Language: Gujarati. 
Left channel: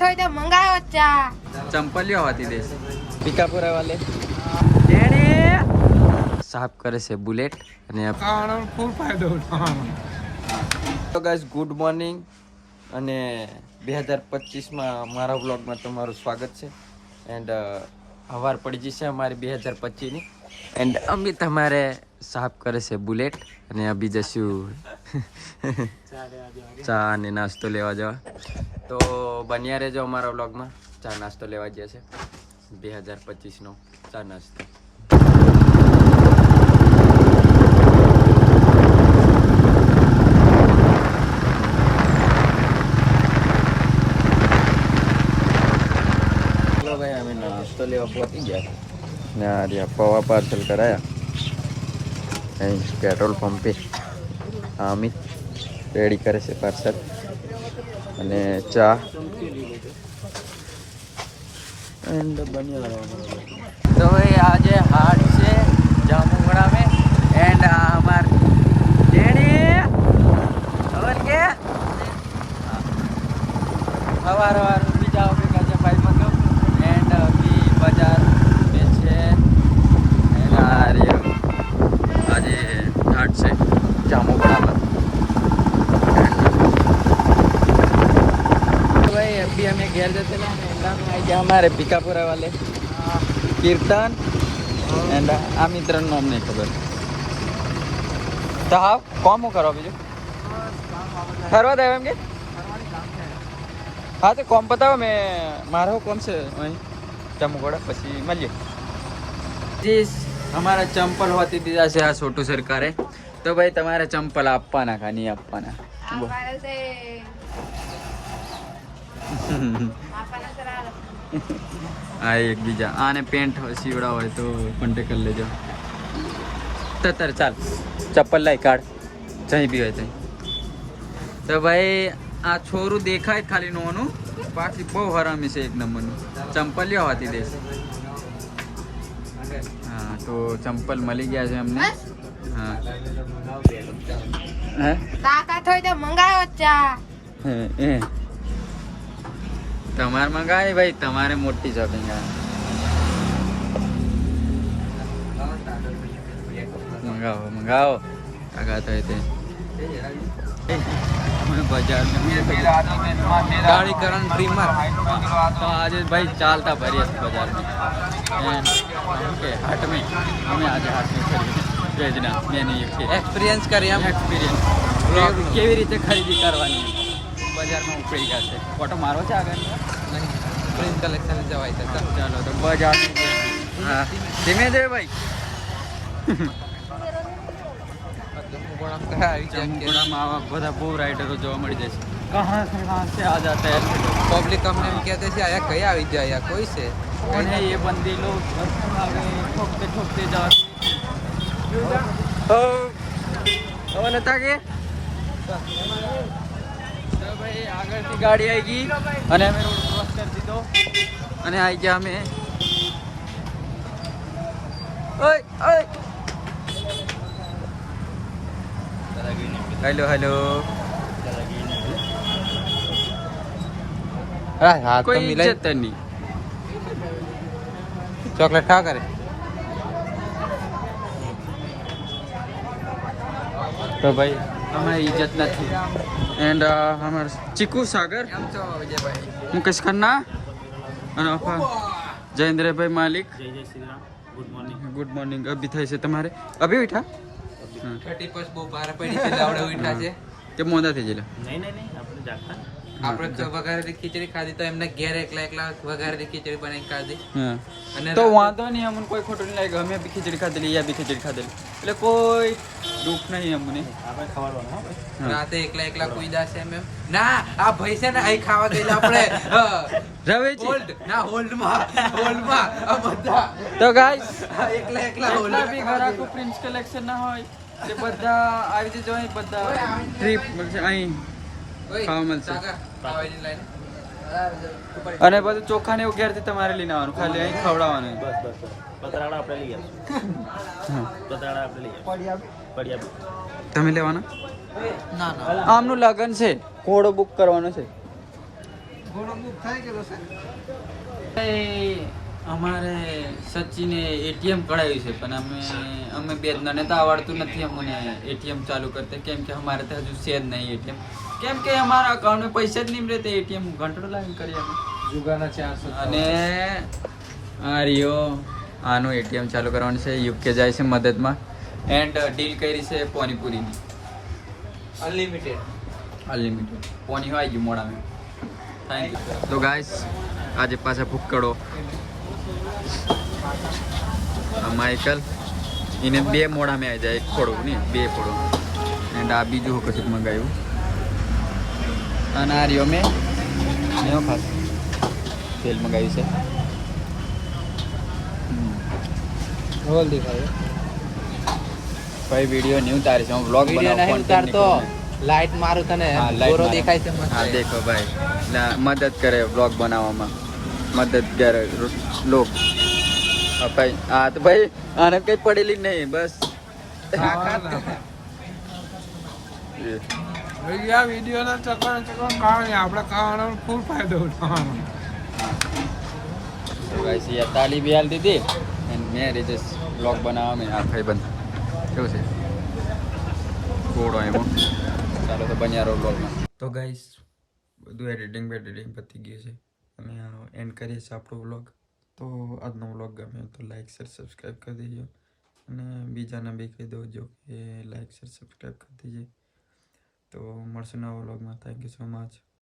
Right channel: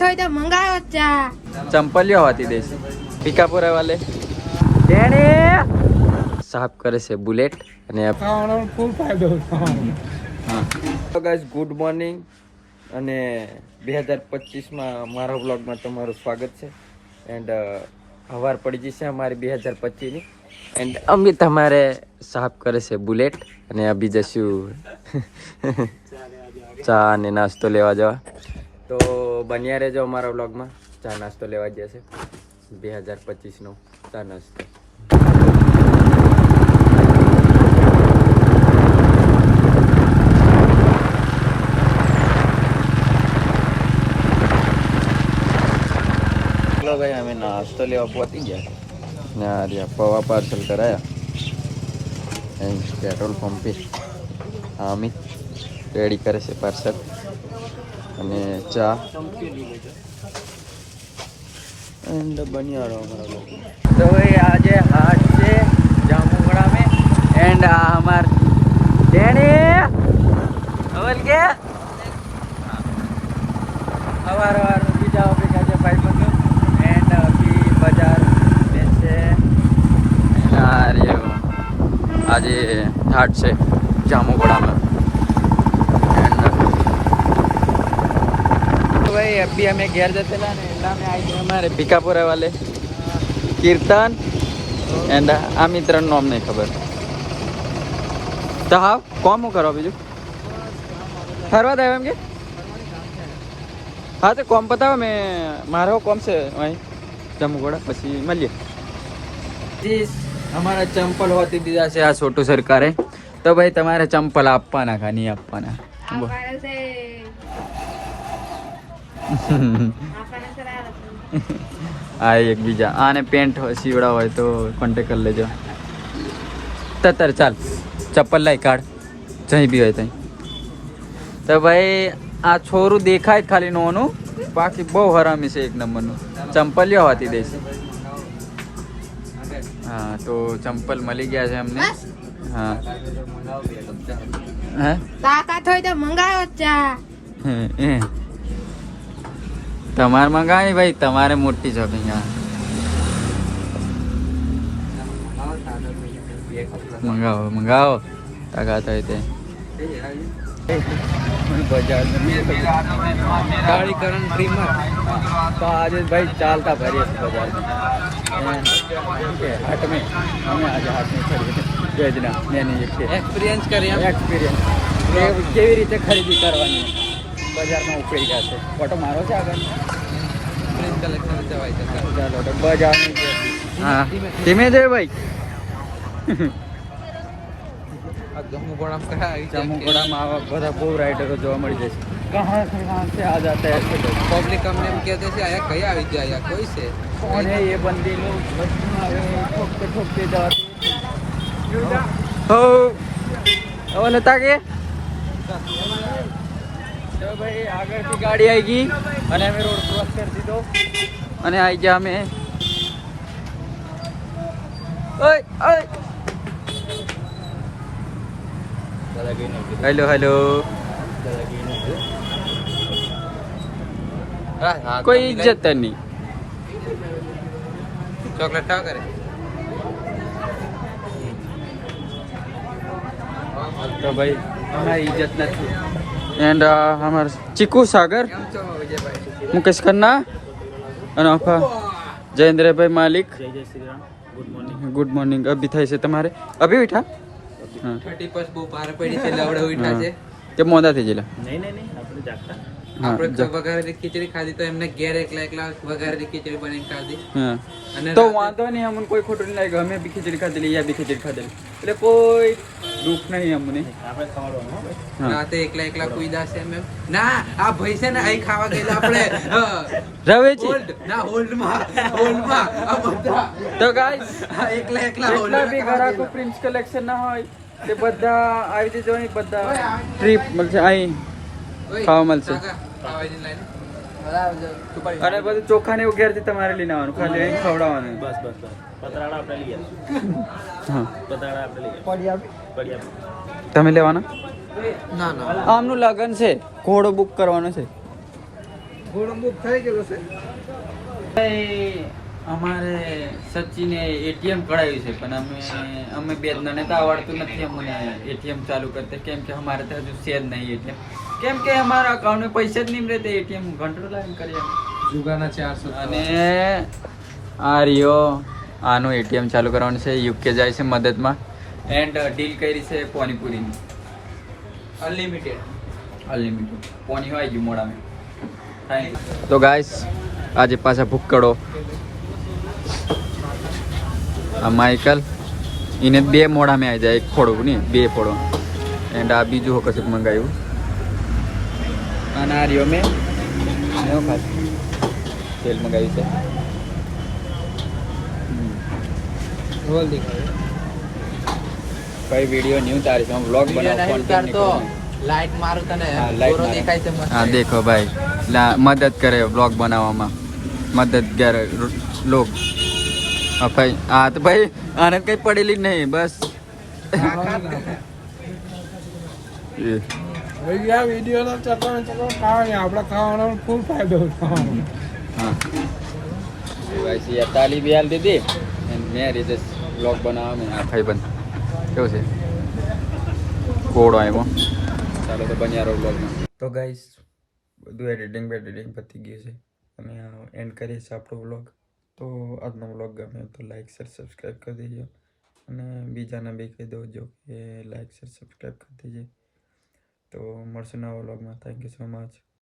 थोड़ी तो मंगाओ चा चंपलिया होती देसी पीकापुरा वाले डेणी साफ करे से बुलेट અને ફૂલ ફાયદો હા તો ગાઈસ ગુડ મોર્નિંગ અને 2025 માં મારા વ્લોગમાં તમારું સ્વાગત છે એન્ડ હવાર પડી જશે અમારી 2025 ની એન્ડ અમે તમારે સાફ કરે છે બુલેટ અને અભી જશું ચા અને નાસ્તો લેવા જવા તો બન્યા રહેજો અમારા વ્લોગમાં ચા નાસ્તો લેવા જશે 2025 નો ચા નાસ્તો भाई हमें नाश्ता लेवा पहुंची गया ने आ पवा पार्सल कराया पेट्रोल पंप पे अमित रेडी करे से पार्सल અને ચા एंड बनिया रहो हमारा लोग तो भाई आज हाट से जामुगड़ा में एंड हमार डेणी और के हमारा बीजा बेगा जे भाई बन एंड अभी बाजार से आज हाट से जामुगड़ा में तो भाई अभी हमें घर जाते ना में आई गया हमारे पीकापुरा वाले कीर्तन एंड आ मित्र नाम नहीं खबर तो हाँ कौन करो बीजू फरवा देंगे हाँ तो कौन पता मैं मारो कौन से वहीं जमुगड़ा बस मिलिए जी हमारा चंपल होती दीदा से आ छोटू सरकार है तो भाई तुम्हारे चंपल आपना का नहीं आपना आ एक बीजा आने पेंट सीवड़ा हो तो कॉन्टेक्ट कर ले जाओ तर चल चप्पल लाई काट जहीं भी हो तो भाई आ छोरू देखा है खाली नोनू बाकी बहु हरामी से एक नंबर नु चंपलिया होती देसी हाँ तो चंपल मली गया है हमने हाँ ताकत होई तो मंगाओ चा તમારે મંગાવી ભાઈ તમારે મોટી જોડી મંગાવો મંગાવો તાકાત હોય તે બજાર ગાડી કરણ ફ્રી માં તો આજે ભાઈ ચાલતા ભરીએ બજાર में हाट में हमें आज हाट में खरीदे भेजना मैंने एक्सपीरियंस કરીએ एक्सपीरियंस કેવી રીતે ખરીદી કરવાની બજારમાં ઉપડી ગયા છે ફોટો મારો છે આગળ ચાલો તો બજાર હા ધીમે જઈએ ભાઈ जामुगड़ा में બધા બહુ રાઇડરો જોવા મળી જાય છે कहाँ से आ जाते हैं ऐसे लोग पब्लिक हम कहते हैं अरे कहीं आ जाए या कोई से कौन है ये बंदे लोग आगे ठोकते ठोकते जाते हो लेता के तो भाई आगे से गाड़ी आएगी અને અમે રોડ ક્રોસ કરી દીધો અને આવી ગયા અમે ઓય ઓય हेलो हेलो कोई इज्जत नहीं चॉकलेट खा करे तो भाई हमारी इज्जत नहीं एंड हमारे चिकू सागर मुकेश खन्ना जयेंद्र भाई मालिक जय जय श्री राम गुड मॉर्निंग अभी था से तुम्हारे अभी उठा 30 બહુ બહાર પડી છે લાવડે ઉઠા છે કે મોડા થઈ ગયેલા નહીં આપણે જાગતા આપણે વઘારેલી ખીચડી ખાધી તો એમને ઘેર એકલા વઘારેલી ખીચડી બનાવી ખાધી અને તો વાંધો નહીં અમને કોઈ ખોટું નહીં લાગ્યું અમે બી ખીચડી ખાધેલી યા બી ખીચડી ખાધેલી એટલે કોઈ દુઃખ નહીં અમને રાતે એકલા કુઈદા છે એમ ના આ ભાઈ છે ને અહીં ખાવા ગયેલા આપણે રવેજી ના હોલ્ડમાં આ બધા તો ગાઈસ એકલા જેટલા બી ઘરાકો પ્રિન્સ કલેક્શન ના હોય તે બધા આવી જજો અહીં બધા ટ્રીપ મળશે અહીં ખાવા મળશે અને બધું ચોખા ને એવું ઘેરથી તમારે લઈને આવવાનું ખાલી અહીં ખવડાવવાનું પતરાડા આપણે લઈ હા પતરાડા આપણે લઈ તમે લેવાના ના ના આમનું લગન છે ઘોડો બુક કરવાનો છે ઘોડો બુક થઈ ગયેલો છે. અમારે સચિને એટીએમ કઢાવ્યું છે પણ અમે બે જણાને તો આવડતું નથી અમને એટીએમ ચાલુ કરતે કેમ કે અમારે તો હજુ છે જ નહીં એટીએમ કેમ કે અમારા અકાઉન્ટમાં પૈસા જ નહીં રહેતે એટીએમ ઘંટો લાઈન કરીએ જુગાના 400. અને આ રિયો આનું એટીએમ ચાલુ કરવાનું છે યુકે જાય છે મદદમાં એન્ડ ડીલ કરી છે પાણીપુરીની અનલિમિટેડ પાણી હોય ગયું મોડામાં થેન્ક યુ તો ગાઈસ આજે પાછા ભૂક્કડો આ માઇકલ એને 2 મોડામાં આવી જાય એક ફોડવું ને 2 ફોડો એન્ડ આ બીજું કશું મંગાવ્યું અને આ રિયો મેં ખાસ તેલ મંગાવ્યું છે ભાઈ વિડીયો ન્યૂ તારી છે વ્લોગ બનાવ કોન્ટેન્ટ લાઈટ મારું તને હા, light ગોરો મારું. દેખાય છે મસ્ત. હા દેખો ભાઈ મદદ કરે વ્લોગ બનાવવામાં મદદ કરે લોગ હા ભાઈ હા તો ભાઈ આને કઈ પડેલી જ નહીં બસ ભાઈ આ વિડીયોના ચકણ કારણે આપણે ખાવાનો ફૂલ ફાયદો ઉઠાવવાનો. હા તો ગાઈસ યાર તાલી બી હાલ દીધી એન્ડ મેં રીતે વ્લોગ બનાવવા મેં હા ભાઈ બંધ કેવું છે કોડો એમાં ચાલો તો બન્યા રહો વ્લોગમાં તો ગાઈસ બધું એડિટિંગ પતી ગયું છે અમે એન્ડ કરીએ છીએ આપણો વ્લોગ તો આજનો વ્લોગ ગમે તો લાઈક શેર સબસ્ક્રાઈબ કરી દેજો અને બીજાને બી કહી દો કે લાઈક શેર સબસ્ક્રાઈબ કરી દેજે તો મળશું નવા વ્લોગમાં થેન્ક યુ સો મચ